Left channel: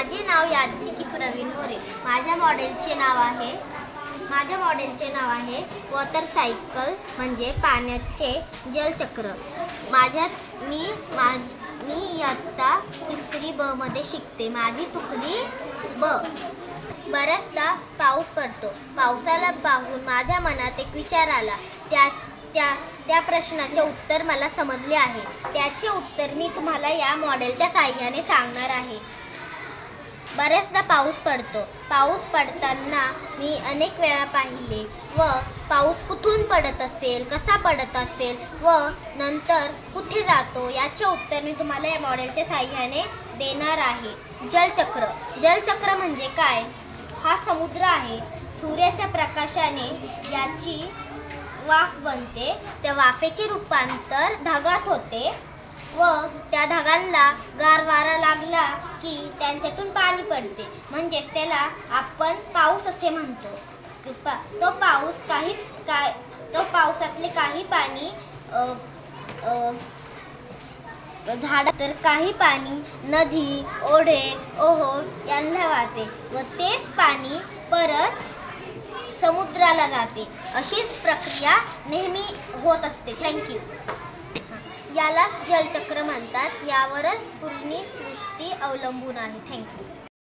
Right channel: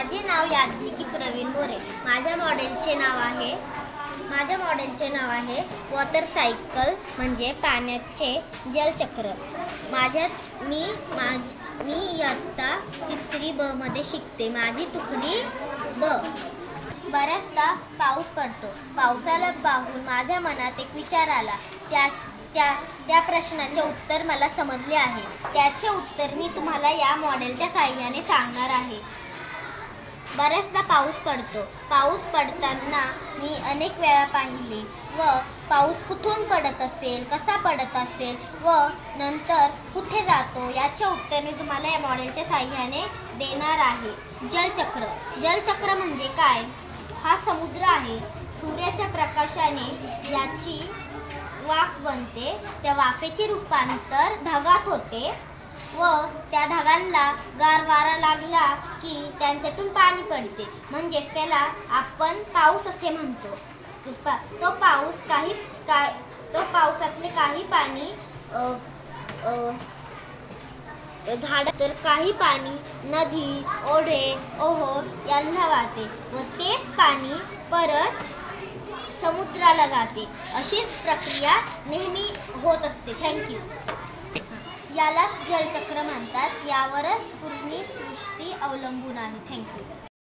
माझे नाव याज्ञिकी प्रवीण मोरे। माझ्या मॉडेलचे नाव आहे वॉटर सायकल म्हणजे पाण्याचे जलचक्र। मी इयत्ता 3री ब मध्ये शिकते। माझी तुकडी ब। बऱ्याचदा पाऊस पडतो। पावसाला पाहून माझ्या मनात एक विचार आला। त्या प्रश्नाचे उत्तर मला समजले आहे। त्याचे उत्तर मी तुम्हाला या मॉडेलच्या साहाय्याने सांगणार आहे। बऱ्याचदा पाऊस पडतो। पाऊस पडताना मी अनेक वेळा पाहिले व पाऊस कुठून पडत असेल, कसा पडत असेल व नंतर कुठे जातो याचे उत्तर मी तुम्हाला या मॉडेलच्या साहाय्याने देणार आहे। जलचक्र म्हणजे काय? हा समुद्र आहे। सूर्याच्या प्रकाशाने याची वाफ बनते। त्या वाफेचे रूपांतर ढगात होते व त्या ढगांना गार वारा लागला की त्यांच्यातून पाणी पडते, म्हणजेच त्याला आपण पाऊस असे म्हणतो। तो पावसातले काही पाणी झाडा, तर काही पाणी नदी, ओढे, ओहोळ यांना वाहते व तेच पाणी परत समुद्राला जाते। अशीच प्रक्रिया नेहमी होत असते। थँक्यू। याला जलचक्र म्हणतात। यावरच पूर्ण सृष्टी अवलंबून आहे। थँक्यू।